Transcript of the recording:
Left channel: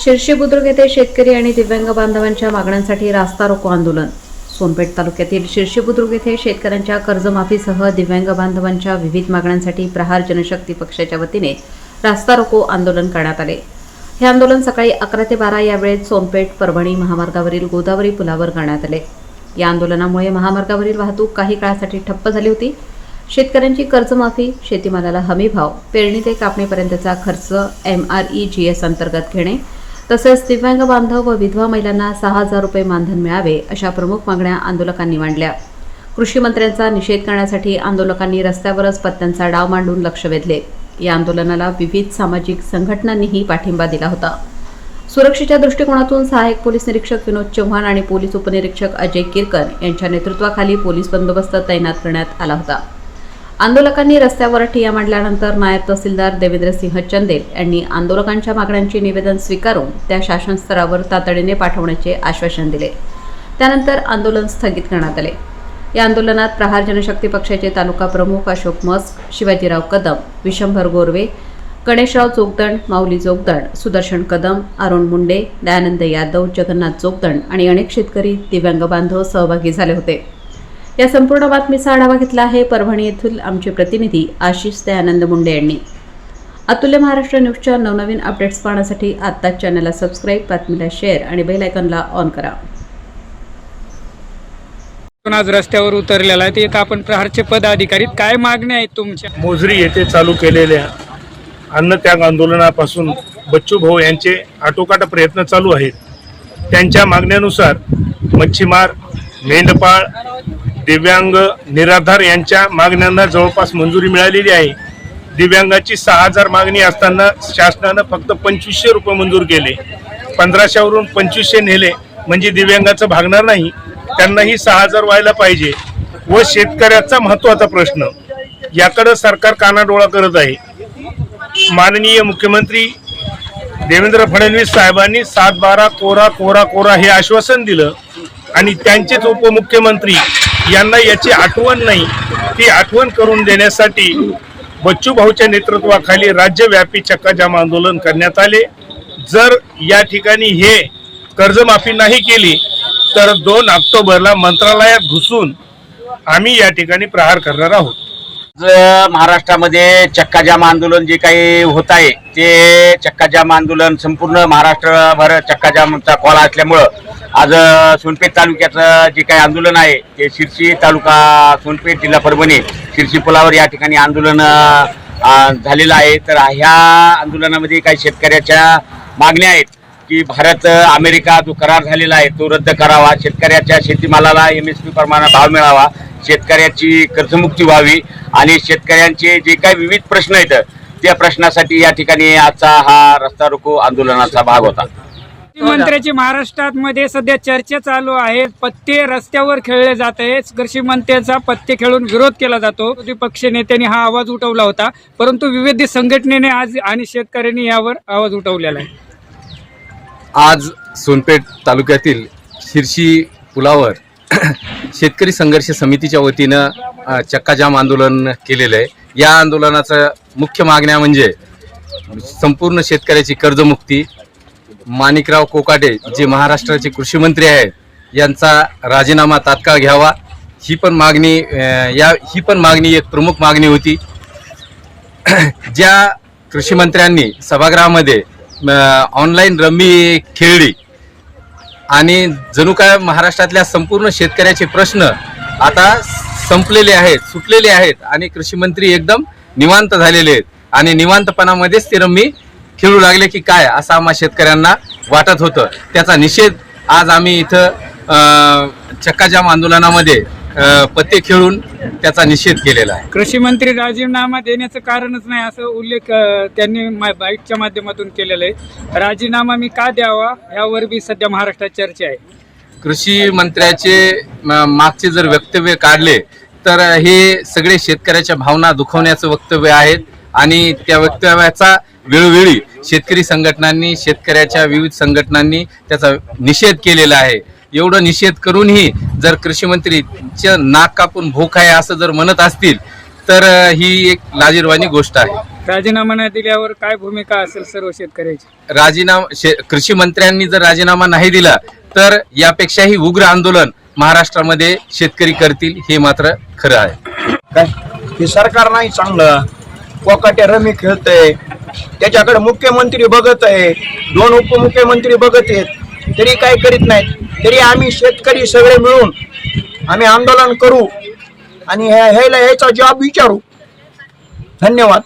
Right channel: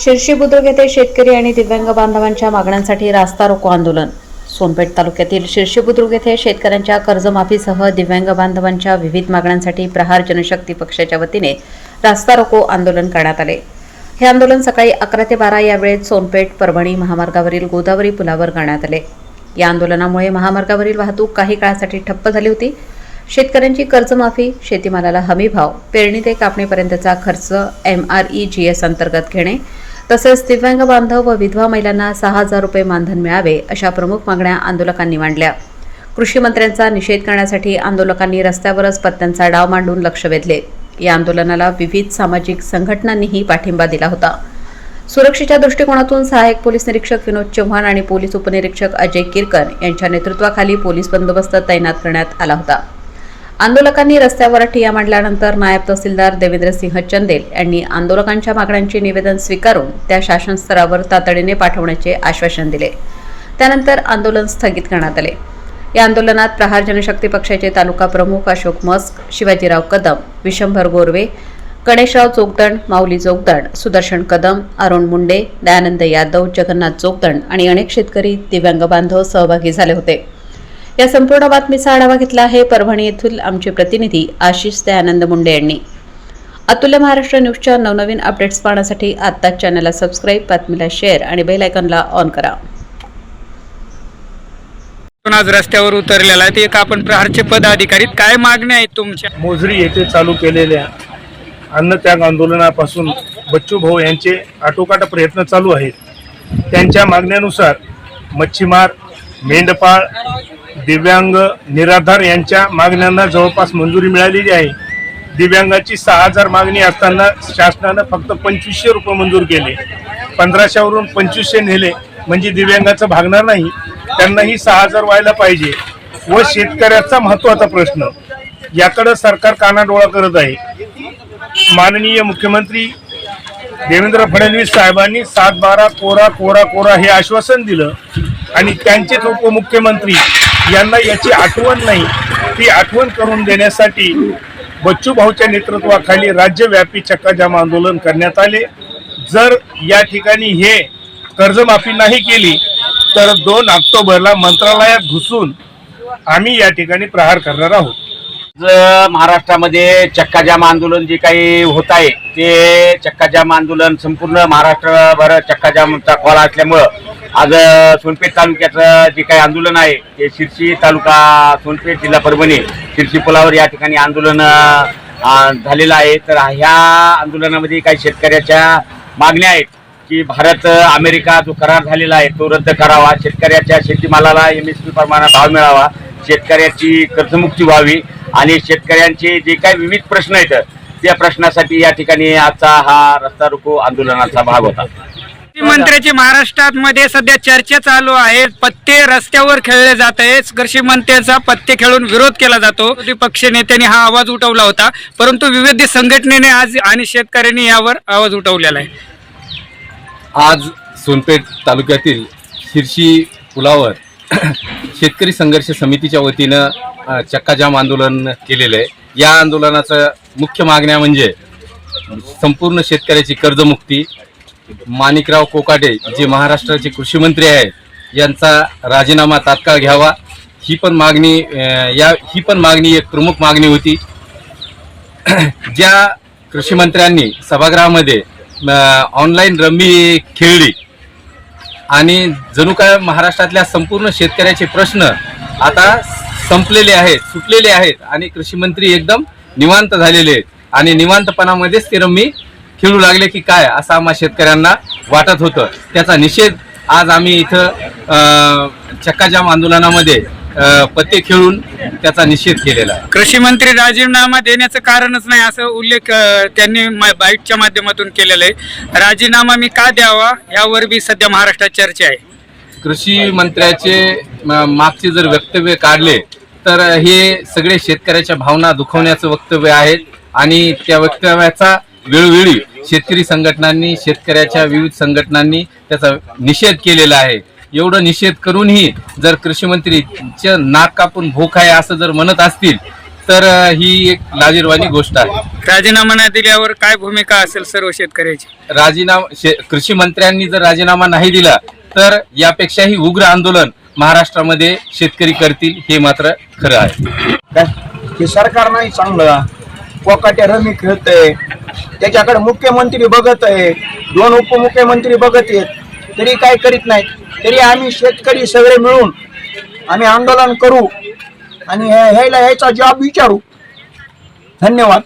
शिर्शी बुद्रुक येथे शेतकरी आणि दिव्यांग बांधवांच्या मागण्यांसाठी रास्ता रोको आंदोलन। सोनपेठ तालुक्यातील शिर्शी बुद्रुक येथे शेतकऱ्यांच्या कर्जमाफीसह दिव्यांग बांधवांच्या विविध मागण्यांसाठी प्रहार जनशक्ती पक्षाच्या वतीने रास्ता रोको आंदोलन करण्यात आले। हे आंदोलन सकाळी 11 ते 12 या वेळेत सोनपेठ परभणी महामार्गावरील गोदावरी पुलावर करण्यात आले। या आंदोलनामुळे महामार्गावरील वाहतूक काही काळासाठी ठप्प झाली होती। शेतकऱ्यांची कर्जमाफी, शेतीमालाला हमीभाव, पेरणी ते कापणीपर्यंतचा खर्च MREGS अंतर्गत घेणे तसेच दिव्यांग बांधव व विधवा महिलांना 6,000 रुपये मानधन मिळावे अशा प्रमुख मागण्या आंदोलकांनी मांडल्या। कृषी मंत्र्यांचा निषेध करण्यासाठी आंदोलकांनी रस्त्यावरच पत्त्यांचा डाव मांडून लक्ष वेधले। या आंदोलनाला विविध सामाजिक संघटनांनीही पाठिंबा दिला होता। सुरक्षेच्या दृष्टिकोनातून सहाय्यक पोलीस निरीक्षक विनोद चव्हाण आणि पोलीस उपनिरीक्षक अजय किरकर यांच्या नेतृत्वाखाली पोलीस बंदोबस्त तैनात करण्यात आला होता। आंदोलकांनी रस्त्यावर ठिय्या मांडल्यानंतर नायब तहसीलदार देवेंद्रसिंह चंदेल यांनी आंदोलकांच्या मागण्यांचे निवेदन स्वीकारून त्या शासन स्तरावर तातडीने पाठवण्याचे आश्वासन दिले। त्यानंतर आंदोलन स्थगित करण्यात आले। या आंदोलनात प्रहार जनशक्ती पक्षाचे तालुका प्रमुख अशोक मस्क, शिवाजीराव कदम, विशंभर गोरवे, गणेशराव जोगदंड, माऊली जोगदंड, सुदर्शन कदम, अरुण मुंडे, दयानंद यादव, जगन्नाथ जोगदंड आणि अनेक शेतकरी, दिव्यांग बांधव सहभागी झाले होते। या संपूर्ण बातमीचा आढावा घेतला आहे परभणी येथील आमचे प्रतिनिधी आशिष दयानंद मुंडे यांनी। अतुल्य महाराष्ट्र न्यूजच्या नवनवीन अपडेट्स पाहण्यासाठी आत्ताच चॅनलला सबस्क्राईब, बातमीला शेअर आणि बेल आयकॉनला ऑन करा। आज रस्त्यावर उतरलेला आहे ते एक आपण प्रहारचे पदाधिकारी, काय मागण्या आहेत तुमच्या? मोजरी येथे चालू केलेल्या अन्नत्याग आंदोलनापासून बच्चू भाऊ यांचे आटोकाट प्रयत्न चालू आहेत। त्यांच्या मागण्यानुसार मच्छीमार, मेंढपाळ, दिव्यांग, निराधार यांच्या मागण्यांना जवळपास मंजुरी मिळालेली आहे। दिव्यांगाची 6,000 मागणी असताना शासनानं फक्त 2500 रुपये मंजूर केले। 1500 वरून 2500 नेले म्हणजे दिव्यांगाचं भागणार नाही, त्यांनाही 6,000 व्हायला पाहिजे। व शेतकऱ्याचा महत्त्वाचा प्रश्न, याकडे सरकार कानाडोळा करत आहे। माननीय मुख्यमंत्री देवेंद्र फडणवीस साहेबांनी 7/12 कोरा कोरा कोरा हे आश्वासन दिलं आणि त्यांचेच उपमुख्यमंत्री यांना याची आठवण नाही। ती आठवण करून देण्यासाठी बच्चू भाऊच्या नेतृत्वाखाली राज्यव्यापी चक्काजाम आंदोलन करण्यात आले। जर या ठिकाणी हे कर्जमाफी नाही केली तर 2 ऑक्टोबरला मंत्रालयात घुसून आम्ही या ठिकाणी प्रहार करणार आहोत। महाराष्ट्रामध्ये चक्काजाम आंदोलन जे काही होत आहे ते चक्काजाम आंदोलन संपूर्ण महाराष्ट्रभर चक्काजामचा कॉल असल्यामुळं आज सोनपेठ तालुक्याचं जे काही आंदोलन आहे ते शिर्शी तालुका, सोनपेठ जिल्हा परभणी, शिर्शी पुलावर या ठिकाणी आंदोलन झालेलं आहे। तर ह्या आंदोलनामध्ये काही शेतकऱ्याच्या मागण्या आहेत की भारत अमेरिका जो करार झालेला आहे तो रद्द करावा, शेतकऱ्याच्या शेतीमालाला MSP प्रमाणे भाव मिळावा, शेतकऱ्याची कर्जमुक्ती व्हावी आणि शेतकऱ्यांचे जे काही विविध प्रश्न आहेत त्या प्रश्नासाठी या ठिकाणी आजचा हा रस्ता रोको आंदोलनाचा भाग होता। मंत्र्याची महाराष्ट्रामध्ये सध्या चर्चा चालू आहे, पत्ते रस्त्यावर खेळले जात आहेत। कृषी मंत्र्यांचा पत्ते खेळून विरोध केला जातो। विरोधी पक्ष नेत्यांनी हा आवाज उठवला होता, परंतु विविध संघटनेने आज आणि शेतकऱ्यांनी यावर आवाज उठवलेला आहे। आज सोनपेठ तालुक्यातील शिर्शी पुलावर शेतकरी संघर्ष समितीच्या वतीनं चक्काजाम आंदोलन केलेलं आहे। या आंदोलनाचं मुख्य मागण्या म्हणजे संपूर्ण शेतकऱ्याची कर्जमुक्ती, माणिकराव कोकाटे जे महाराष्ट्राचे कृषी मंत्री आहेत यांचा राजीनामा तात्काळ घ्यावा, ही पण मागणी एक प्रमुख मागणी होती। ज्या कृषी मंत्र्यांनी सभागृहामध्ये ऑनलाईन रम्मी खेळली आणि जणू काय महाराष्ट्रातल्या संपूर्ण शेतकऱ्याचे प्रश्न आता संपलेले आहेत, सुटलेले आहेत आणि कृषी मंत्री एकदम निवांत झालेले आहेत आणि निवांतपणामध्येच ते रम्मी खेळू लागले की काय असं आम्हा शेतकऱ्यांना वाटत होतं। त्याचा निषेध आज आम्ही इथं चक्काजाम आंदोलनामध्ये पत्ते खेळून त्याचा निषेध केलेला आहे। कृषी मंत्री राजीनामा देण्याचं कारणच नाही असं उल्लेख त्यांनी बाईटच्या माध्यमातून केलेला आहे। राजीनामा मी का द्यावा यावर बी सध्या महाराष्ट्रात चर्चा आहे। कृषी मंत्र्याचे मागचे जर वक्तव्य काढले तर हे सगळे शेतकऱ्याच्या भावना दुखवण्याचं वक्तव्य आहेत आणि त्या वक्तव्याचा वेळोवेळी शेतकरी संघटनांनी, शेतकऱ्याच्या विविध संघटनांनी त्याचा निषेध केलेला आहे। एवढं निषेध करूनही जर कृषी मंत्रीच्या नाक कापून भोक आहे असं जर म्हणत असतील तर ही एक लाजिरवाणी गोष्ट आहे। राजीनामा न दिल्यावर काय भूमिका असेल सर्व शेतकऱ्याची? कृषी मंत्र्यांनी जर राजीनामा नाही दिला तर यापेक्षाही उग्र आंदोलन महाराष्ट्रामध्ये शेतकरी करतील, हे मात्र खरं आहे. काय हे सरकार नाही चांगलं, कोकाट्या रमी खेळतंय, त्याच्याकडे मुख्यमंत्री बघत आहे, 2 उपमुख्यमंत्री बघत आहेत, तरी काय करीत नाहीत. तरी आम्ही शेतकरी सगळे मिळून आम्ही आंदोलन करू आणि ह्याला ह्याचा जॉब विचारू. धन्यवाद.